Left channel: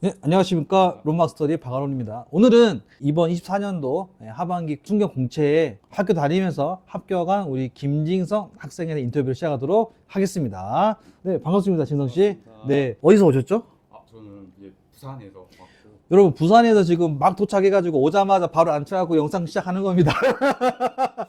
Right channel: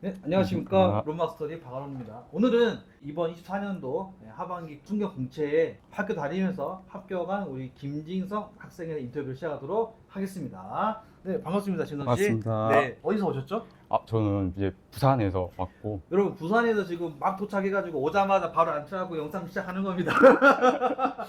네, 안녕하십니까. 아, 론마스터디의 박아론입니다. 오늘은 이번 24년도 하반기 중견 공채에 학교 다니면서 합격한 우리 김진성 학생에 대한 인터뷰를 시작하도록 하겠습니다. 네, 반갑습니다, 진성 씨. 반갑습니다. 네, 어디서 오셨죠? 저는 이제 부산에서 왔고, 여러분, 부산에서 지금 막 도착해가지고 오자마자 바로 앉혀갖고 영상 시작하는 겁니다.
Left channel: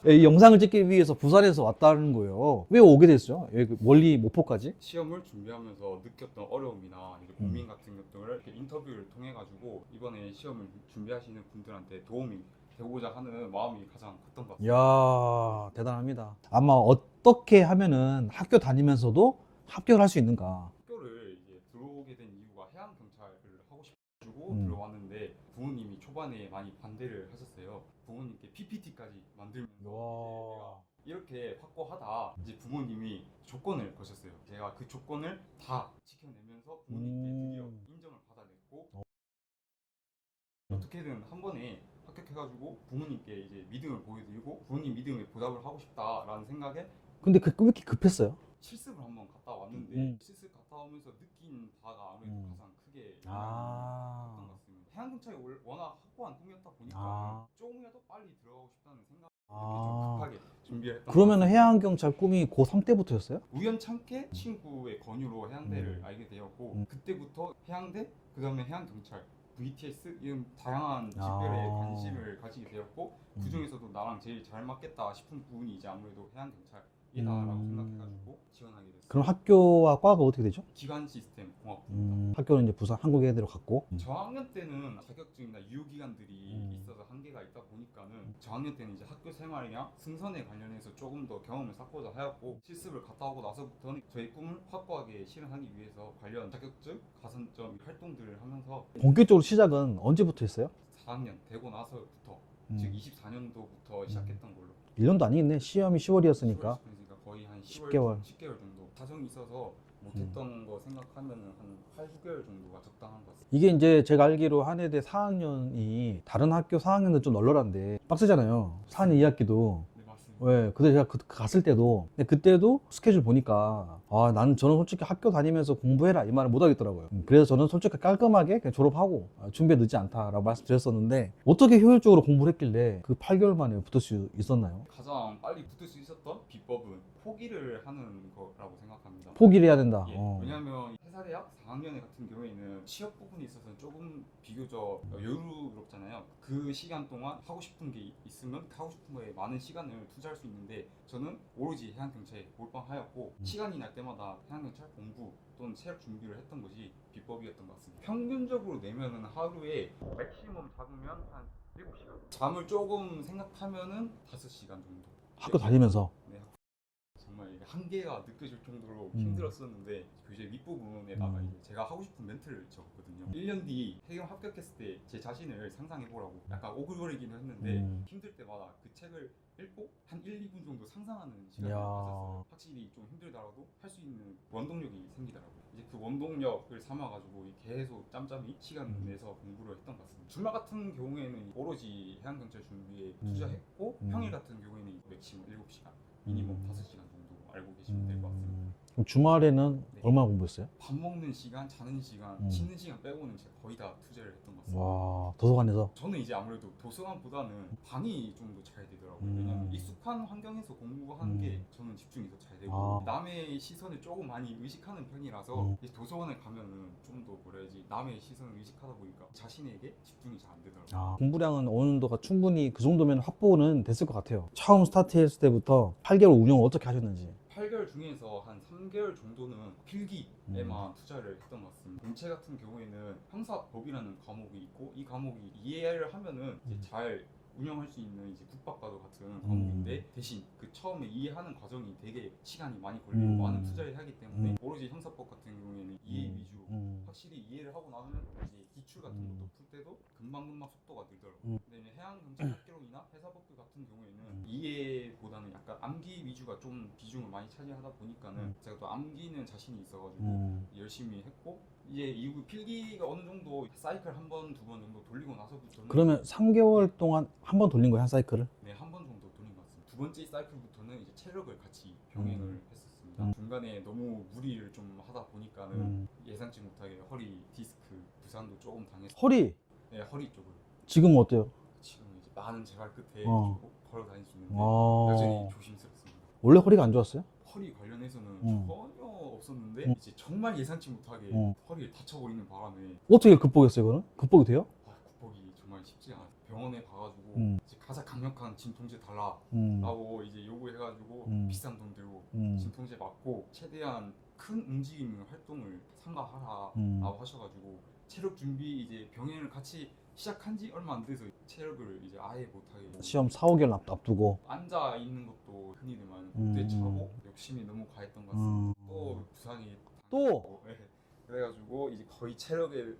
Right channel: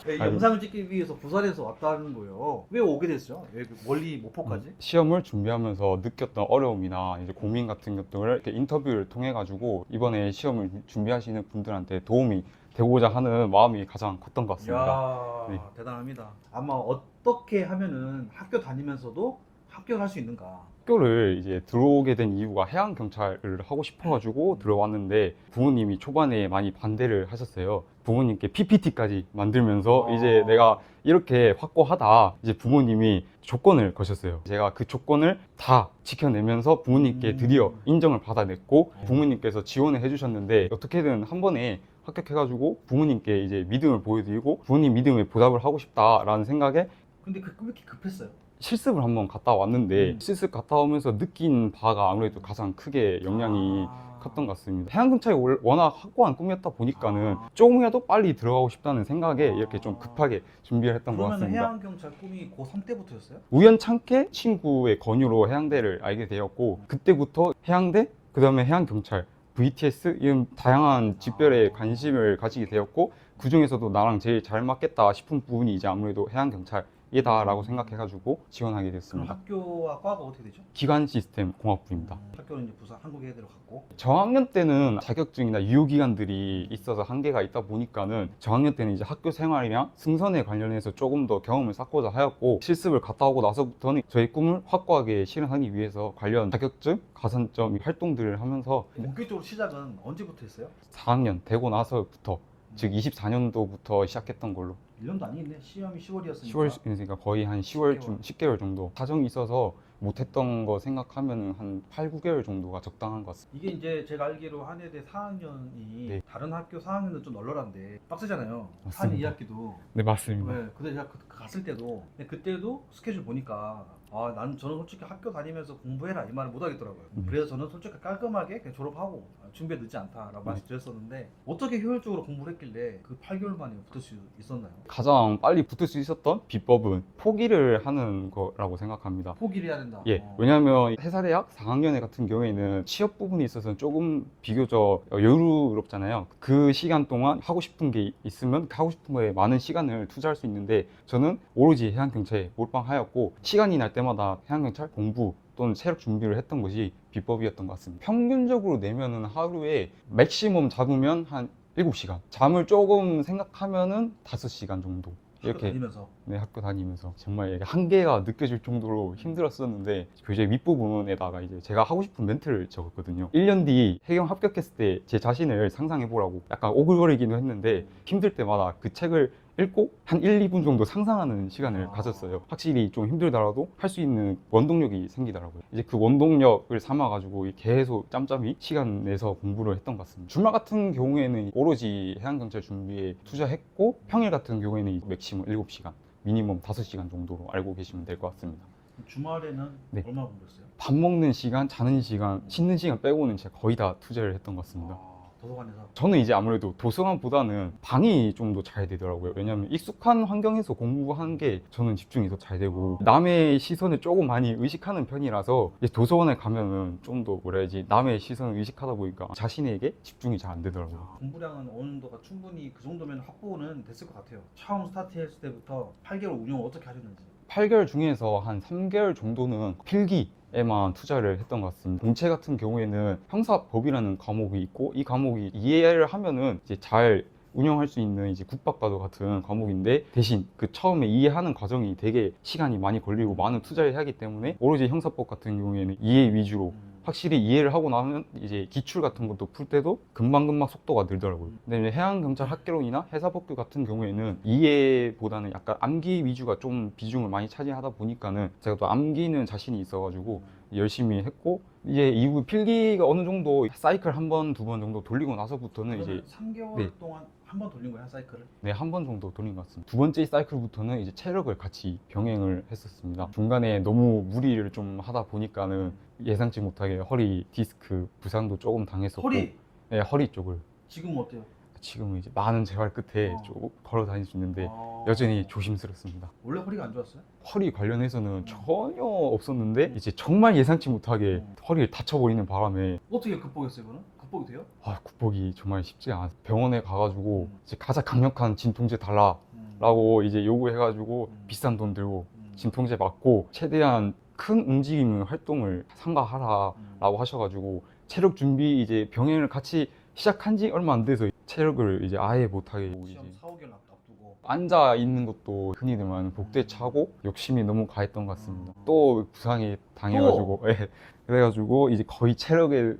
네, 이 아유. 영상을 찍기 위해서 부산에서 왔다는 거예요. 왜 오게 됐죠? 왜 멀리 목포까지? 시험을 준비하면서 느꼈던 어려움이나 이제 고민 같은 것들을 이렇게 인터뷰를 통해 가지고 이번에 시험을 준비하시는 분들한테 도움이 되고자 하는 마음이 가장 컸던 것 같습니다. 이야, 대단합니다. 아마 어떻게 하면은 학교 다니면서도 합격을 할 수 있는가? 학교를 이제 들어오게 된 이유가 해양 경찰을 하고 싶어가지고 들어왔는데 부모님이 초반에 많이 반대를 하셨어요. 부모님께 PPT까지 만들면서 이제 내가 이렇게 확고하다 이제 부모님이 조건을 거셨어요. 제가 그 조건을 다 지켜내면서 부모님께 드디어 인정을 받아냈고 부모님께서 지원을 해주셨는데 어떻게든 한 번에 합격해가지고 부모님께 이제 믿음을 보여드리고 부모님 믿음에 보답을 하고 싶다라는 생각에 근데 왜 이렇게 급했어요? 실습을 한번 갔다 왔는데 실습 갔다 오면서 느낀 바가 아무래도 가장 크게 영향이 컸던 것 같습니다. 해양경찰이 워낙 확고한 꿈이었다 보니까는 조금이라도 빨리 들어가고 싶다는 생각에 이렇게 좀 급하게 준비를 했던 것 그러면 같습니다. 해양경찰 꿈이 고3 때부터였어요? 우연찮게 친구의 권유로 해양대를 알게 되었고 그때부터 해양대, 그 다음에 해양경찰, VTS 이런 다양한 직별에 관심을 가지게 되었고 그 중에서도 나랑 제일 잘 맞겠다 싶은 부분이 이제 아무래도 해양경찰이다라고 생각해가지고 지원하게 그럼 됐습니다. 학교와 과가 어떻게 되죠? 기관 시스템 공학부입니다. 학교는 이제 부산 한국외대로 갔고. 저학년 때는 자격증이나 유효기간들이 있어서 한계가 있다 보니까는 저학년 때는 이제 학교 생활이랑 승선에 관련해서 조금 더 경험을 쌓고자 하였고 실습을 갔다 오고 나서부터는 저희 꿈을 확고하게 실현하기 위해서 관련 자격증, 가산점 활동들을 하면서 본격적으로 시작은 언제부터 했어요? 4학년 되고 나서부터 즉 24년도부터 시작했던 걸로 1년도 아니겠네. 시험이 10월이었으니까. 10월, 그러니까 거의 한 10월, 10개월. 10개월 정도 사정이 있어서 못했던 거 생각하면 한 8, 9개월 정도가 적당한 것 같습니다. 이게 이제 제가 알기로 한해대 4학년이 네. 다른 학교 4학년은 좀 널널한데 빡세잖아요. 4학년 2학기도. 네, 맞습니다. 네, 근데 제가 갔을 때도 근데 그때도 스케줄 보니까 저는 솔직히 학교 다니면서 공부해라 이 말을 못 하겠더라고요. 그래서 저는 솔직히 깔끔하게 그냥 졸업하고 준비에 늦지 않다라고 말씀드렸었는데 어떻게 효율적으로 공부를 했길래 그 8개월 만에 붙을 수 있었나요? 가장 빨리 붙을 수 있었던 비법은 포기를 하는 거라고 생각합니다. 포기를 해야 된다. 예, 왜냐하면 회사대학 4학년에 같은 경우에는 취업 부분에 있어서는 조금 비교적 여유롭잖아요. 그 시간 동안 하고 싶은 게 있으면 하고 싶은 거에 많은 시간을 투자할 수 있는데 저는 오로지 해양경찰에 몰빵하였고 시간이 날 때마다 해양경찰 공부 또는 체력 준비를 했던 것이 비법이었던 것 같습니다. 평균적으로 내면은 하루에 맥시멈 잡으면 한 7시간, 잠을 조금 생각하면은 5시간 정도. 학교 이렇게, 다니면서 네, 학교 다니면서 정말 이게 한계가 느껴질 정도로 힘들었었는데 교재 윗부분에다가 이제 제가 하고 싶은 멘트를 적었거든요. 1년 뒤 해경 합격했을 때 제 자신을 상상해 보라고 약간 오글거리기도 했는데 힘들 때마다 그 책을 읽고 한 1, 2분 정도 상상하는 시간을 가졌어요. 확실히 좀 힘들더라도 할 수 있는 원동력이 생기더라고요. 이제 그 원동력을 삼아가지고 계속 짬짬이 시간 내서 공부를 했던 것 같습니다. 주말 같은 경우에는 오로지 해양경찰 준비에 투자했고 평일 같은 경우에는 맥시멈 7시간, 미니멈 5시간 정도로 알고 계시면 될 것 같습니다. 그럼 주말에는 네. 얼마나 공부했어요? 밥 먹는 시간, 자는 시간, 씻는 시간 빼고는 제가 거의 다 투자를 했던 것 같습니다. 도서관에서 저는 이제 아무래도 도서관보다는 방이 좀 더 잘 되더라고요. 왜냐하면 익숙한 환경에서 공부하는 게 저는 집중이 더 잘 되고 남의 시선을 조금 많이 의식하는 편이라서 이제 도서관에 가면은 좀 더 뭐라 해야지 남의 시선을 의식하다 보니까 자신에게 집중이 잘 안 되더라고요. 공부량은 어느 정도가 충분히 그 정도면 확보는 됐을 것 같아요. 처음 스타트했을 때부터 8개월 운영을 어떻게 하셨는지. 8개월 중에서 한 3개월 정도는 필기에만 투자를 했던 것 같습니다. 공채 같은 경우에는 형사법이라는 과목이 있고 이 과목이 이해를 하면은 이제 잘 운영할 수 있는 이제 국박과도 같은 과목인데 대신 그 처음에 이해하는 과정이 되게 시간이 많이 걸리고 많은 투자를 해야 하기 때문에 오로지 형사법 같은 경우에는 이해 위주로 확실히 이해를 하고 나면 이제 기출 같은 것도 풀 때도 금방금방 속도가 늘더라고요. 근데 이제 해양경찰 학개론이나 해사법규 같은 경우에는 이해보다는 약간 암기 위주가 좀 비중을 많이 차지하다 보니까는 제가 또 암기는 자신이 있어가지고 열심히 했고 이제 이후 필기가 어느 정도 사이클 한 번, 두 번 정도 돌리고 나서부터는 그러면 이제 3개월 네. 동안 한 번 돌린 거예요, 한 사이클을? 네, 한 번 정도 돌린 것 같습니다. 두 번째 사이클부터는 이제 체력을 같이 병행을 했었습니다. 중간에 너무 무리를 좀 하다 보니까는 예상치 못하게 허리 디스크 부상도 조금 당했었고 허리 네, 허리 쪽을 지금은 어때요? 지금은 이제 많은 재활 끝에 어. 좀 걸어 다닐 수 있는데 아. 여전히 조심스럽습니다. 원래 허리가 안 좋았어요? 허리 관련해서는 음. 전혀 없었는데 이제 정말 예상치 못하게 음. 허리를 다쳐버리는 바람에 어떻게 극복했어요, 그거는? 극복이 돼요? 극복이 정말 쉽지 않았어요. 병원에 가가지고 음. 이제 가장 강력한 진통제 달라라고 이제 요구해가지고 비싼 돈 들고 진통제 맞고 최대한 큰 움직임을 활동을 삼가하라라고 하셔가지고 체력 준비 이제 병행을 같이 시작한 지 얼마 안 돼서 체력을 이제 아예 못하게 시험 4, 5개월 앞두고 앉아 있는 것도 흔히들 말하는 복대 차고 욕심이 너무 가했던 것 같습니다. 또 부상이 당해가지고 예. 그래가지고 이제 거의 체력에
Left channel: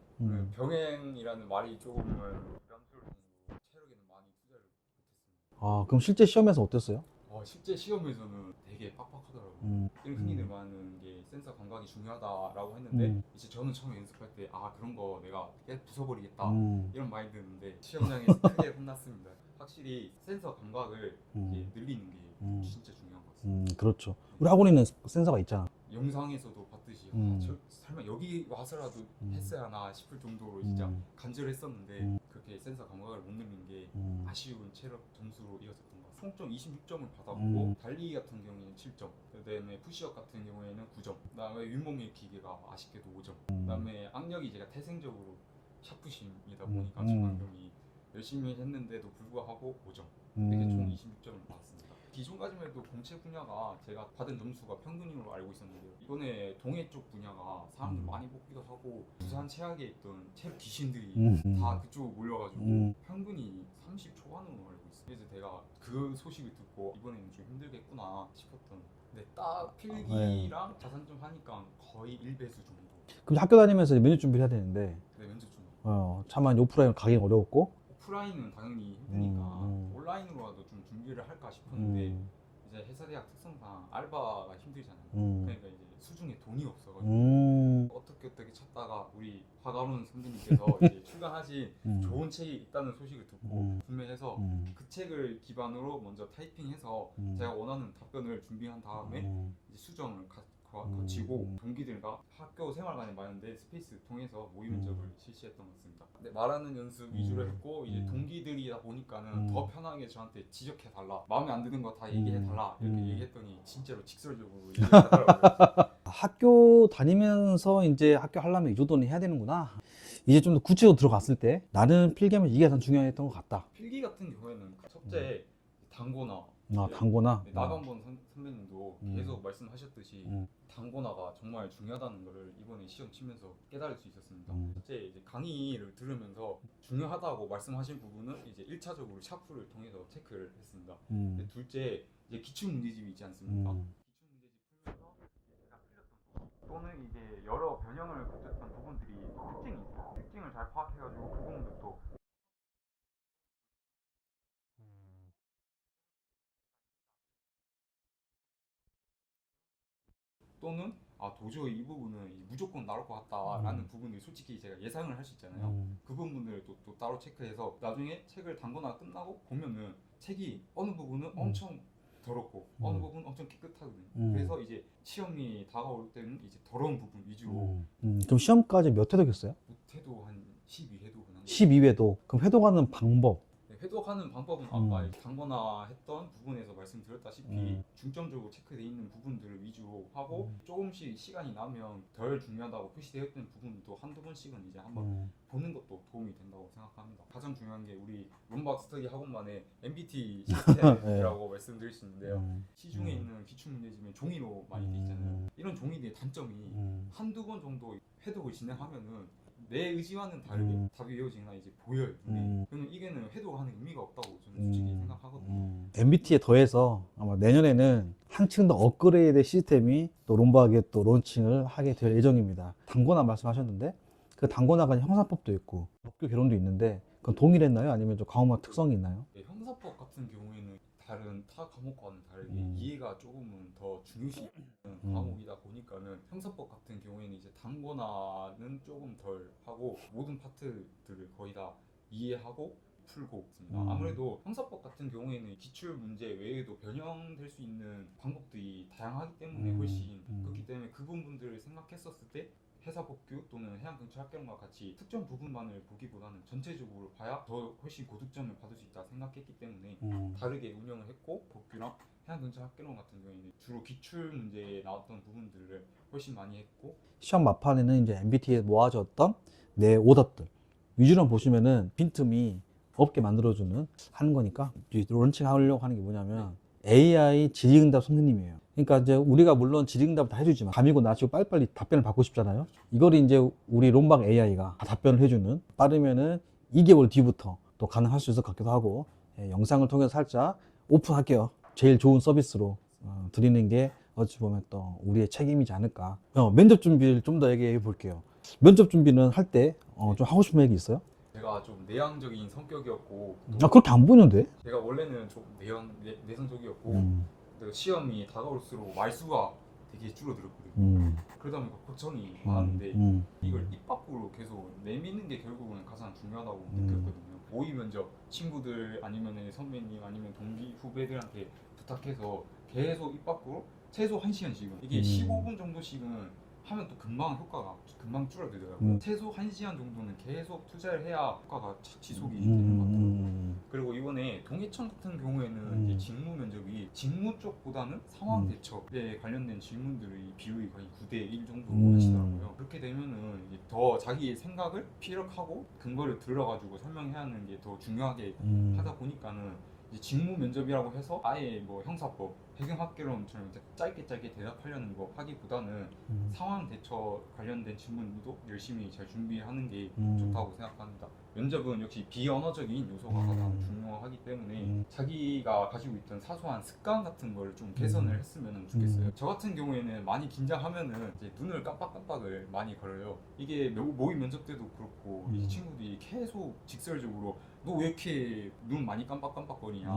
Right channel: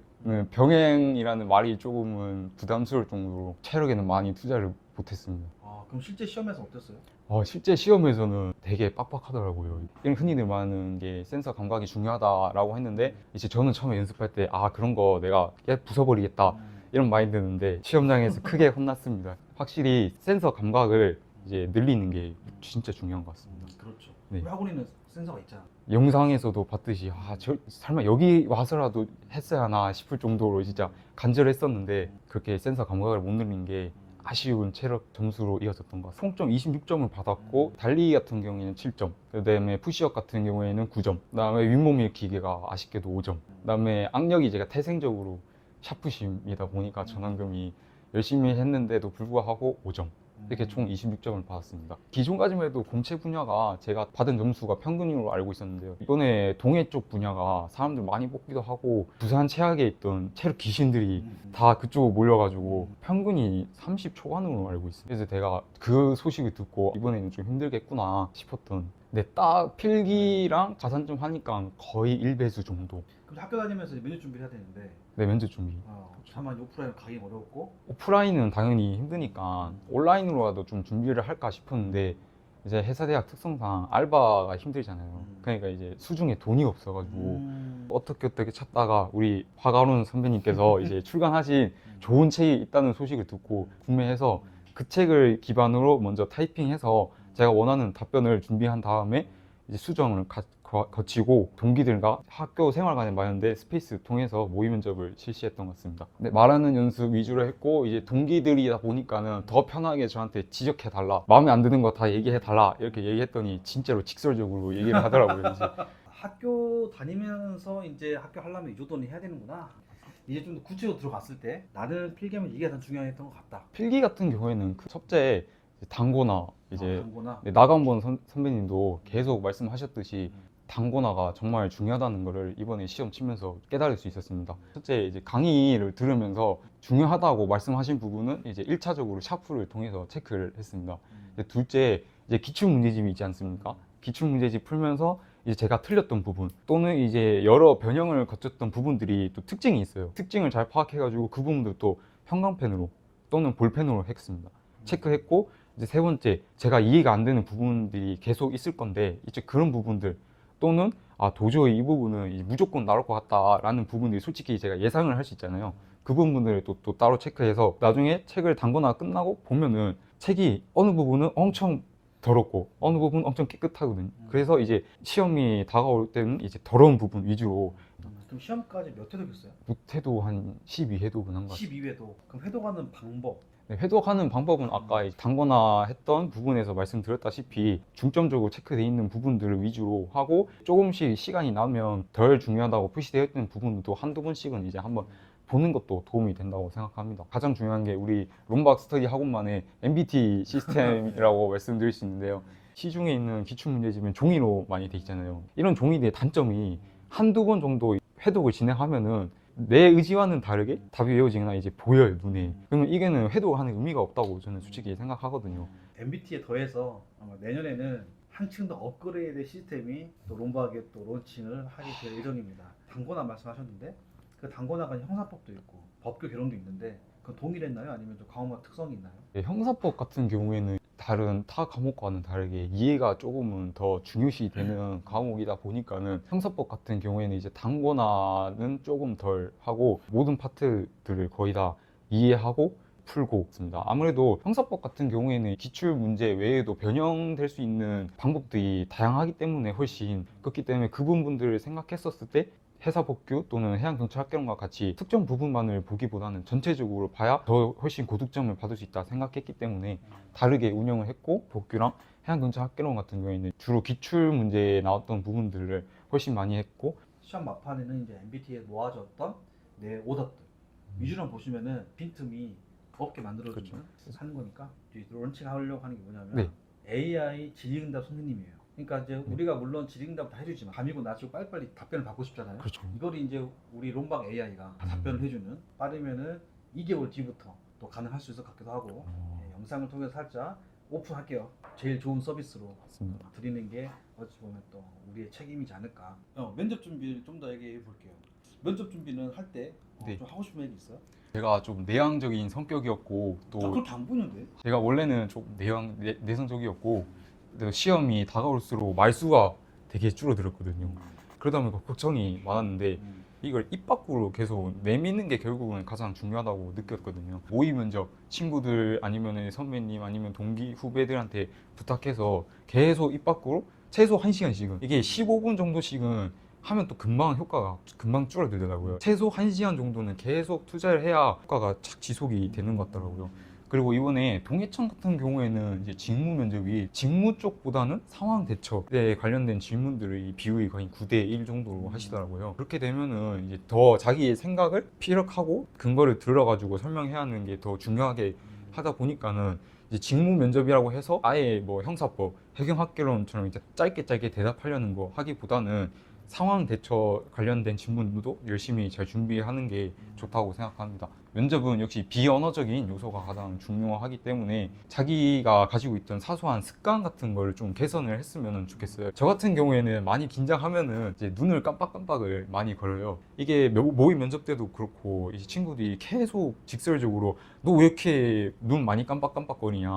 병행이라는 말이 조금은 부담스러울 정도로 체력에는 많이 투자를 못했습니다. 아, 그럼 실제 시험에서 어땠어요? 실제 시험에서는 되게 빡빡하더라고요. 이런 흔히들 말하는 게 센서 감각이 중요하다라고 했는데 이제 저는 처음에 연습할 때 그런 거 내가 부숴버리겠다 이런 마인드였는데 시험장에서 크게 혼났습니다. 확실히 센서 감각을 이제 늘리는 게 진짜 중요한 것 같습니다. 그렇죠. 네. 우리 학원에는 센서가 있잖아. 영상에서도 봤듯이 저 설마 여기 와서라도 했어야 하나 싶을 정도로 진짜 간절했었는데 그렇게 센서 감각을 못 늘린 게 아쉬운 체력 점수로 이어졌던 것 같아요. 총점 26점을 받았고 달리기 같은 경우에는 7점, 그다음에 푸시업 같은 경우에는 9점, 그다음에 윗몸 일으키기가 아쉽게도 5점, 그다음에 악력이 제가 태생적으로 샤프심이다 보니까 전완금이 열심히 했는데도 불구하고 5점 이렇게 총 26점을 받았습니다. 기존까지만 해도 공채 분야가 제가 받은 점수가 평균으로 알고 있었는데요. 이번에 동해 쪽 분야가 사람들 많이 뽑기도 하고 부산 최악에 있던 체력 귀신들이 다 그쪽으로 몰려가지고 평균이 30 초반으로 알고 있어요. 그래서 제가 그 소식을 듣고 이번에는 좀 힘들겠구나 싶었던 근데 딱 필기랑 가산점 하니까 거의 1배수 정도. 그럼 학교 다니면서 이제 면접 준비를 해야 되는데 네, 면접 준비. 차마 오프라인 가기 어려웠고 오프라인은 당연히 힘드니까 온라인으로라도 좀 준비를 할까 싶었는데 이제 회사대학 특성상 알바가 힘들잖아요. 그러니까 이제 수중에 돈이 없어가지고 어떻게 찾다가 우리 화가론 선배님께서 이제 출간하신 좋은 책이 있다는 소식을 듣고 구매해서 그 책을 기반으로 먼저 타이핑해서 제가 원하는 답변을 준비한 다음에 이제 수정을 거치고 동기들과 학교 생활관에 마련된 스페이스 통해서 모의 면접을 실시했던 것 같습니다. 근데 말하는 연습 위주로 했고 이제 동기들이다 보니까는 더 편하게 저한테 지적해 달라, 마음에 안 드는 거 다 얘기해 달라 이렇게 얘기했더니 진짜로 직설적으로 얘기를 하더라고요. 이제. 학교 다니면서 이제 학교 하려면 이 정도는 해야 되는구나. 이제 좀 더 구체적으로 들어갔을 때 나는 필기하면 이게 가장 중요했던 것 같다. 필기 같은 경우에는 그 첫째 단고나 이제 단고나 나간본 선배님도 계속 말씀하셨듯이 단고나가 정말 중요하다는 것을 이번에 시험 치면서 깨달을 수 있었습니다. 첫째 이제 강의를 들으면서 중요하다고 말씀하신 부분은 이제 1차적으로 샤프를 통해서 체크를 했습니다. 둘째 이제 기출문제집이 있지 않습니까? 기출문제집 풀면서 이제 제가 틀렸던 부분 또는 이제 여러 변형을 거쳤던 부분들이 또 특징이 있어요. 특징을 잘 파악해가지고 그 부분들 또 형광펜으로 또는 볼펜으로 했습니다. 체크했고 이제 세 번째 제가 이해가 안 되는 부분들이 계속 있을 건데 이제 그런 부분들 또는 도저히 이 부분은 이제 무조건 나올 것 같다라는 부분들이 솔직히 제가 예상을 할 수 있잖아요. 그 부분들을 또 따로 체크해서 나중에 책을 단거나 끝나고 보면은 책이 어느 부분은 엄청 더럽고 어느 부분은 엄청 깨끗하거든요. 그래서 이제 시험이 다가올 때는 이제 더러운 부분 위주로 그럼 시험까지 몇 회독 했어요? 못해도 한 12회독은 한 것 같아요. 12회독. 그럼 회독하는 방법 네, 회독하는 방법은 아까 단거나 했던 부분에서 말씀드렸다시피 중점적으로 체크되어 있는 부분들을 위주로 하고 조금씩 시간이 나면 덜 중요하다고 표시되어 있는 부분도 한두 번씩은 이제 한번 보는 것도 도움이 된다고 생각합니다. 가장 중요한 게 우리 롬박 스터디 학원만의 MBT 시스템이라고 말씀드릴 수 있는데요. 시중에 있는 기출문제집은 종이로 많이 돼 있잖아요. 이런 종이들의 단점이 한두 번 정도 회독을 진행하면은 내 의지와는 다르게 답이 외워지거나 이제 보여요, 눈에. 그러면 이게는 회독을 하는 의미가 없다고 저는 솔직히 생각하거든요. MBT에 더해서 아마 내년에는 한층 더 업그레이드 시스템이 또 롬박에 또 론칭을 하게 될 예정입니다. 단고나 말씀하셨는데 그 단고나가 형사법도 있고 법규 개론도 있는데 그건 동일했나요? 아니면 좀 과목마다 특성이 있나요? 형사법 같은 경우에는 다른 타 과목과는 다르게 이해가 조금은 더 중요시 되는 과목이다 보니까는 형사법 같은 경우에는 이제 단권화는 조금 덜 하고 모든 파트들을 거의 다 이해하고 풀고 있습니다. 아무래도 형사법 같은 경우에는 기출 문제 외에도 변형될 수 있는 방법들이 다양하기 때문에 훨씬 그렇기 때문에 그 부분들을 생각했었을 때 해사법규 또는 해양경찰학개론과 같이 특정 부분만을 보기보다는 전체적으로 봐야 더 훨씬 고득점을 받을 수 있다 생각했기 때문에 다르게 운영을 했고, 법규랑 해양경찰학개론 같은 경우에는 주로 기출 문제에 나왔던 부분들을 훨씬 많이 했고, 시험 막판에는 이제 MBTI에 모아졌던 내 오답들 위주로 보시면은 빈틈이 없게 만들어주는 하는 거니까 이제 런칭하려고 하는 게 뭐냐면 네. AI 질의응답 선생님이에요. 그러니까 이제 우리가 물론 질의응답 다 해주지만 감이고 나시고 빨리빨리 답변을 받고 싶잖아요. 그렇죠. 이걸 이제 우리 론박 AI가 답변을 해주는, 빠르면은 2개월 뒤부터 또 가능할 수 있을 것 같기도 하고, 영상을 통해서 살짝 오픈할게요. 제일 좋은 서비스로 드리는 게 어찌 보면 또 우리의 책임이지 않을까. 면접 준비를 좀 더 얘기해 볼게요. 면접 준비는 할 때 네. 좀 하고 싶은 얘기 있어요? 제가 좀 내향적인 성격이었고, 또 그렇게 안 보이는데? 제가 원래는 좀 내성적이었고, 또 시험이 다가올수록 말수가 되게 줄어들었거든요. 그러다 보니까 걱정이 많았는데 이걸 입 밖으로 계속 내미는 게 결국은 가장 중요하다고 느꼈거든요. 모의 면접, 친구들 아니면 선배님 아니면 동기 후배들한테 부탁해서 계속 입 밖으로 최소 1시간씩은, 이게 15분 정도씩은 하면 또 금방 효과가 금방 줄어들더라고요. 최소 1시간 정도는 계속 투자를 해야 효과가 착 지속이 되는 것 같더라고요. 그리고 이번에 동해청 같은 경우에는 이제 직무 면접이 직무 쪽보다는 상황 대처에 관련된 질문들의 비율이 거의 9대1 정도로 하시더라고요. 그렇게 되면은 이제 더 자기의 생각을 피력하고 근거를 들어가지고 설명해야 하는 게 더 중요하게 하다 보니까는 이제 직무 면접이라고 해서 아예 뭐 형사법, 해경학개론처럼 이제 짧게 대답하려는 거 하기보다는 상황 대처 관련된 질문도 열심히 잘 준비하는 게 좋다고 생각합니다. 면접은 역시 비언어적인 요소가 가장 중요하기 때문에 자기가 가지고 있던 사소한 습관 같은 걸 좀 개선을 했으면 좋겠어요. 저 같은 경우에는 많이 긴장하면은 이제 눈을 깜빡깜빡을 많이 걸어요. 이게 모의 면접 때도 그렇고 이 친구들이 계속 직설적으로 너 왜 이렇게 눈 많이 깜빡깜빡거리냐,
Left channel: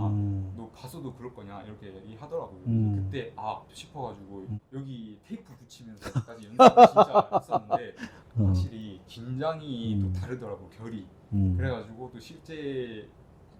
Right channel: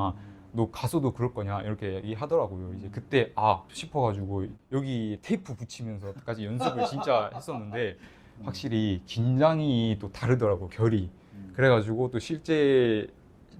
너 가서도 그럴 거냐 이렇게 얘기하더라고요. 이제 그때 싶어가지고 여기 테이프 붙이면서까지 연습을 진짜 했었는데 확실히 긴장이 또 다르더라고, 결이. 그래가지고 또 실제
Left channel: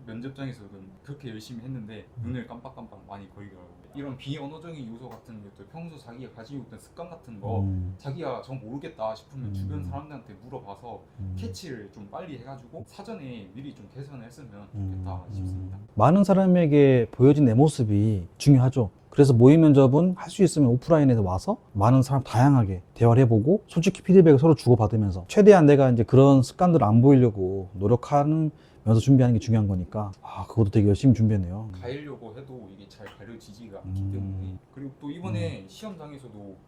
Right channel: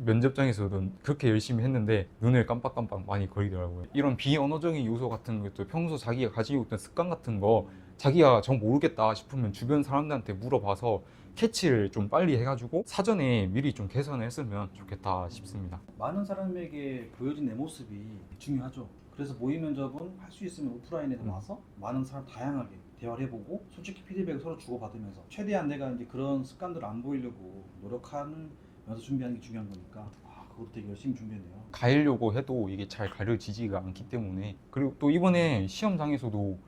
면접장에서도 그렇게 열심히 했는데 눈을 깜빡깜빡 많이 거리더라고요. 이런 비언어적인 요소 같은 것도 평소 자기가 가지고 있던 습관 같은 거 자기가 정 모르겠다 싶으면 주변 사람들한테 물어봐서 캐치를 좀 빨리 해가지고 사전에 미리 좀 개선을 했으면 좋겠다 싶습니다. 많은 사람에게 보여진 내 모습이 중요하죠. 그래서 모의 면접은 할 수 있으면 오프라인에서 와서 많은 사람 다양하게 대화를 해보고 솔직히 피드백을 서로 주고받으면서 최대한 내가 이제 그런 습관들을 안 보이려고 노력하는 면서 준비하는 게 중요한 거니까 그것도 되게 열심히 준비했네요. 가리려고 해도 이게 잘 가려지지가 않기 때문에. 그리고 또 이번에 시험장에서도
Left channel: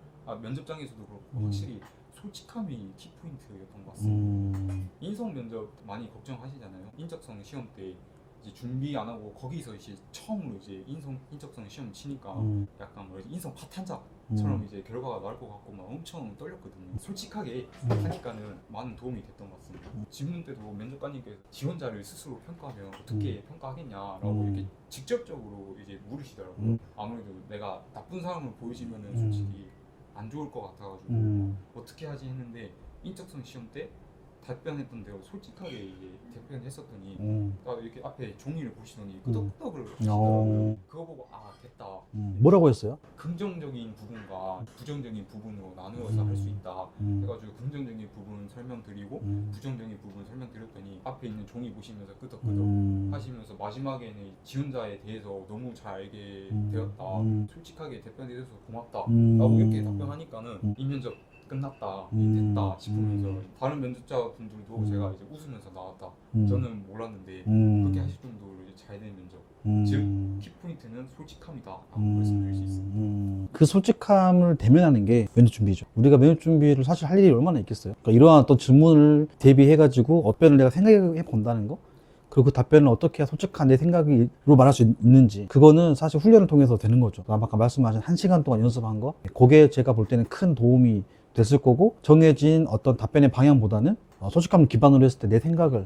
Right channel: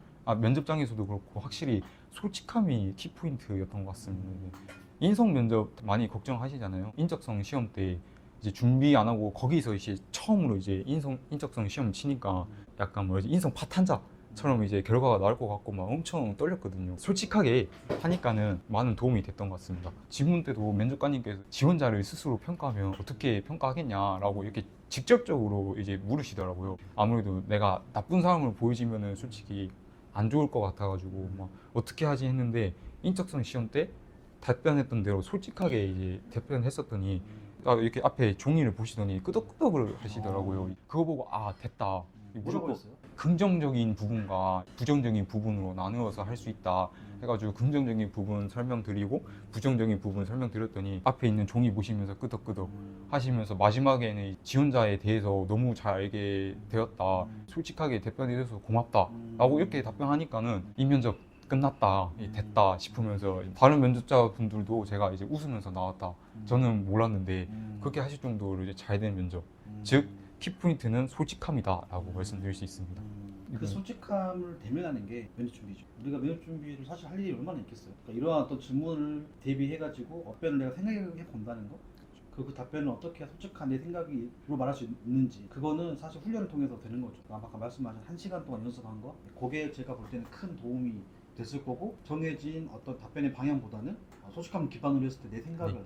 면접장에서도 그렇고 확실히 솔직함이 키포인트였던 것 같습니다. 인성 면접 많이 걱정하시잖아요. 인적성 시험 때 이제 준비 안 하고 거기서 이제 처음으로 이제 인적성 시험 치니까 약간 뭐지, 인성 파탄자처럼 이제 결과가 나올 것 같고 막 엄청 떨렸거든요. 솔직하게 하니까는 많은 도움이 됐던 것 같습니다. 지문 때도 면접관님께서 지원자를 스스로 평가하면 어떻게 평가하겠냐라고 이렇게 직접적으로 이제 물으시더라고요. 아무래도 내가 나쁜 사람으로 보여지면은 솔직히 안 좋을 것 같아가지고 막 어떻게 하지 했는데 인적성 시험 때 답변했던 대로 솔직하게 이제 답변했었더니 이렇게 앞에 종이를 보시더니 끄덕끄덕을 하시더라고요. 그거 보고 됐다. 뭐라고 했어요? 긍정적인 부분과 부정적인 부분으로 나누어서 할 수 있다 해가지고 긍정적인 부분 설명드리고 부정적인 부분 설명드렸더니 앞에 있는 종이 보시면서 끄덕끄덕 하시면서 마지막에는 지원자에 대해서 너무 잘 알게 되었다, 솔직하게 답변해줘서 고맙다 라고 이렇게 답변하니까는 이 면접 끝났다, 됐다 싶으면서 다른 면접자분들도 제가 이제 웃으면서 나왔다, 저는 몰랐는데 그렇게 하실 정도로 이제 잘 된 면접, 즉 키포인트는 솔직함이다라고 말씀드릴 수 있습니다. 그 솔직함을 대면하는 게 면접 준비죠. 우리가 면접 준비를 사실 할 일이 얼마나 있겠어요. 그러니까 이러한 어떤 질문을 대비해가지고 답변을 내가 생각해 본다는 거, 그리고 그 답변을 어떻게 해야 솔직한 내 생각으로 말할 수 있는지, 그거는 사실 훈련을 통해서 되는 거죠. 아까 말씀하신 1시간 동안 연습한 거, 그게 제가 볼 때는 큰 도움이 됐을 거고, 정해진 어떤 답변의 방향보다는 솔직함을 기반으로 했을 때 내 생각을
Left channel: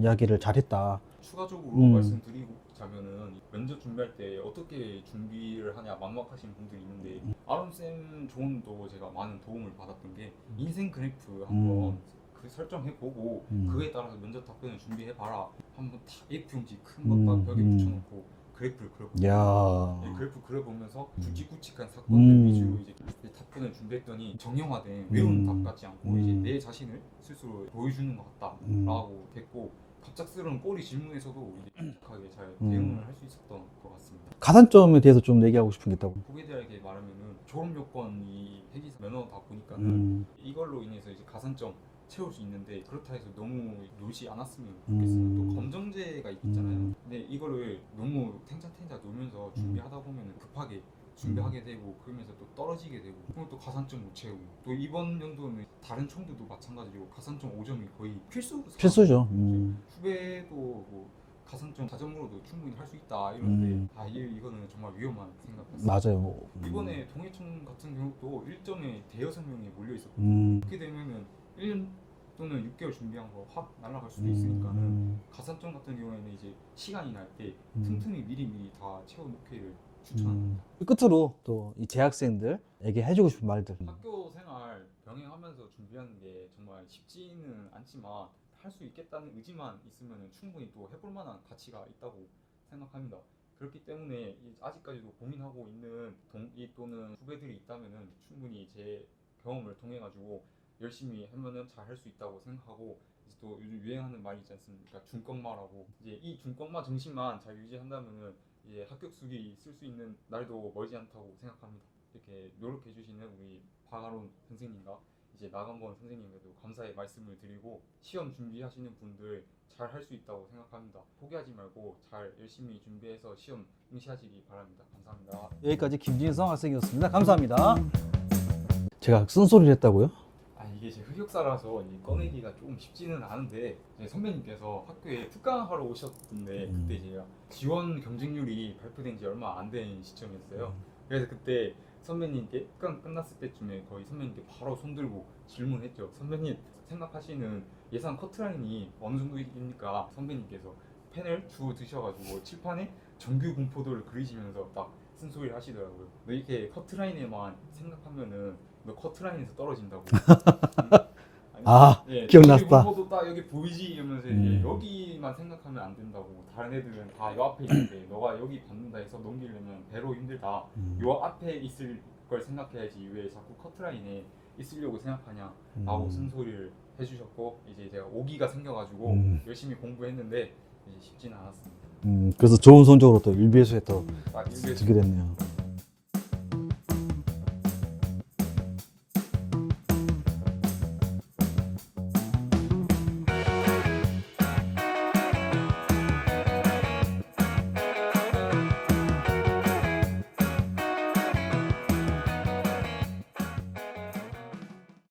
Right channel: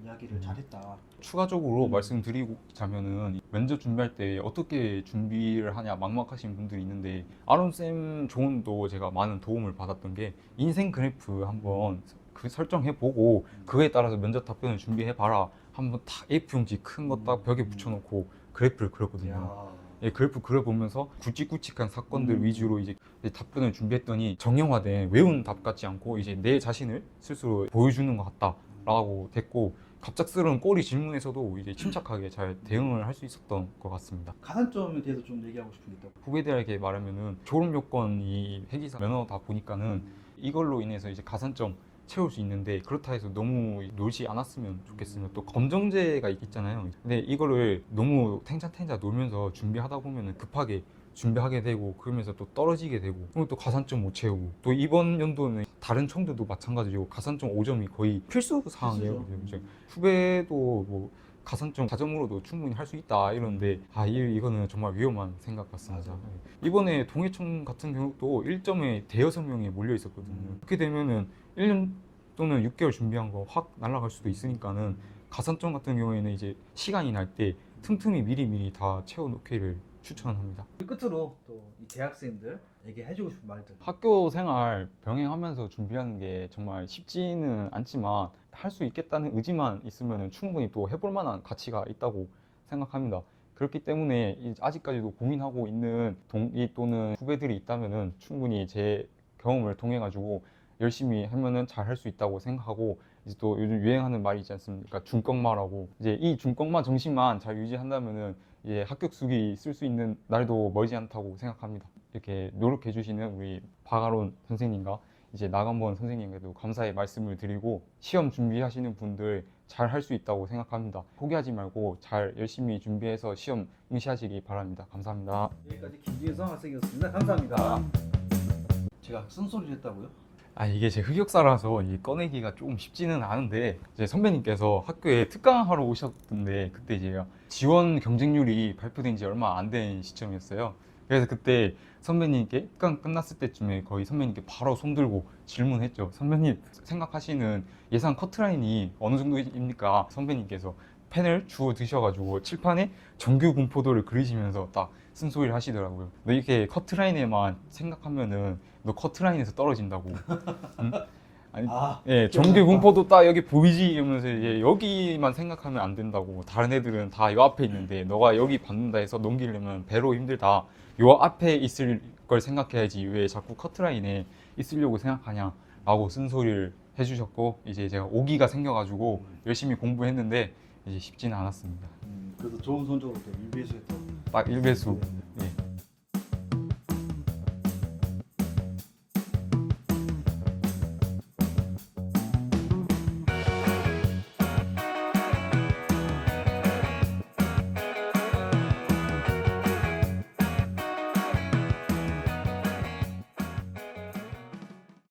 이야기를 잘했다. 추가적으로 말씀드리자면은 면접 준비할 때 어떻게 준비를 하냐 막막하신 분들이 있는데 아론쌤 조언도 제가 많은 도움을 받았던 게 인생 그래프 한번 그 설정해보고 그거에 따라서 면접 답변을 준비해봐라. 한번 딱 A4용지 큰 거 딱 벽에 붙여놓고 그래프를 그렸거든요. 야. 예, 그래프 그려보면서 굵직굵직한 사건들 위주로 이제 답변을 준비했더니 정형화된 외운 답 같지 않고 이제 내 자신을 스스로 보여주는 것 같다라고 됐고 갑작스러운 꼬리 질문에서도 이제 침착하게 잘 대응을 할 수 있었던 것 같습니다. 가산점에 대해서 좀 얘기하고 싶은 게 있다고. 후배들에게 말하면은 졸업 요건이 회계사 면허다 보니까는 이걸로 인해서 이제 가산점 채울 수 있는데 그렇다 해서 너무 놀지 않았으면 좋겠으면 또 검정제가 있잖아요. 근데 이거를 너무 탱자탱자 놀면서 준비하다 보면은 급하게 준비하게 되고 그러면서 또 떨어지게 되고 그리고 또 가산점 못 채우고 또 이번 연도는 다른 청들도 마찬가지고 가산점 5점이 거의 필수 필수죠. 사항이에요. 후배도 뭐 가산점 4점으로도 충분히 할 수 있다 이러는데 이거는 정말 위험한 생각 같습니다. 맞아요. 이번에 동해청 같은 경우도 1점에 대여섯 명이 몰려 있었거든요. 그렇게 되면은 1년 또는 6개월 준비한 거 확 날아갈 수도 있으니까는 가산점 같은 경우에는 이제 시간이 날 때 틈틈이 미리미리 다 채워놓기를 추천합니다. 끝으로 또 이 재학생들에게 해주고 싶은 말들. 학교 생활 병행하면서 준비하는 게 정말 쉽지는 않지만 할 수 있겠다는 의지만 있으면 충분히 또 해볼 만한 가치가 있다고 생각합니다. 그렇기 때문에 아직까지도 고민하고 있는 동기 또는 후배들이 있다면 충분히 제 경험을 통해 가지고 열심히 하면은 잘 할 수 있다고 생각하고 이제 또 요즘 유행하는 말이 있지 않습니까? 중꺾마라고. 이제 이 중꺾마 정신만 잘 유지한다면은 이제 합격수기 쓸 수 있는 날도 멀지 않다고 생각합니다. 이렇게 노력해 주시는 우리 박아론 선생님과 이제 나간본 선생님께도 감사의 말씀을 드리고 시험 준비하시는 분들 잘 할 수 있다고 생각합니다. 포기하지 말고 잘 열심히 준비해서 시험 응시하시기 바랍니다. 감사합니다. 여기까지 김진성 학생이었습니다. 감사합니다. 제가 쓴소리를 했다고요? 이게 제 흑역사라서 이게 꺼내기가 조금 쉽지는 않은데 이제 선배님께서 학교에 특강하러 오셨던데 그때 제가 지원 경쟁률이 발표된 지 얼마 안 된 시점이었어요. 그래서 그때 선배님께 특강 끝났을 때쯤에 거의 선배님께 바로 손들고 질문했죠. 선배님 생각하시는 예상 커트라인이 어느 정도입니까? 선배님께서 펜을 주워 드셔가지고 칠판에 정규 분포도를 그리시면서 딱 쓴소리를 하시더라고요. 너 이렇게 커트라인에만 생각하면은 너 커트라인에서 떨어진다고. 응? 아니, 예, 기억났다. 정규 분포도 딱 여기 보이지 이러면서 이제 여기만 생각하면 안 된다고. 다른 애들은 다 요 앞에 있는데 너가 여기 받는다 해서 넘기려면 배로 힘들다. 요 앞에 있을 걸 생각해야지 왜 자꾸 커트라인에 있으려고 생각하냐라고 쓴소리를 해주셨고 이제 제가 오기가 생겨가지고 열심히 공부했는데 이제 쉽지는 않았습니다. 그래서 좋은 성적으로 또 일비에서에 또 딱 1배수 쓰게 됐네요.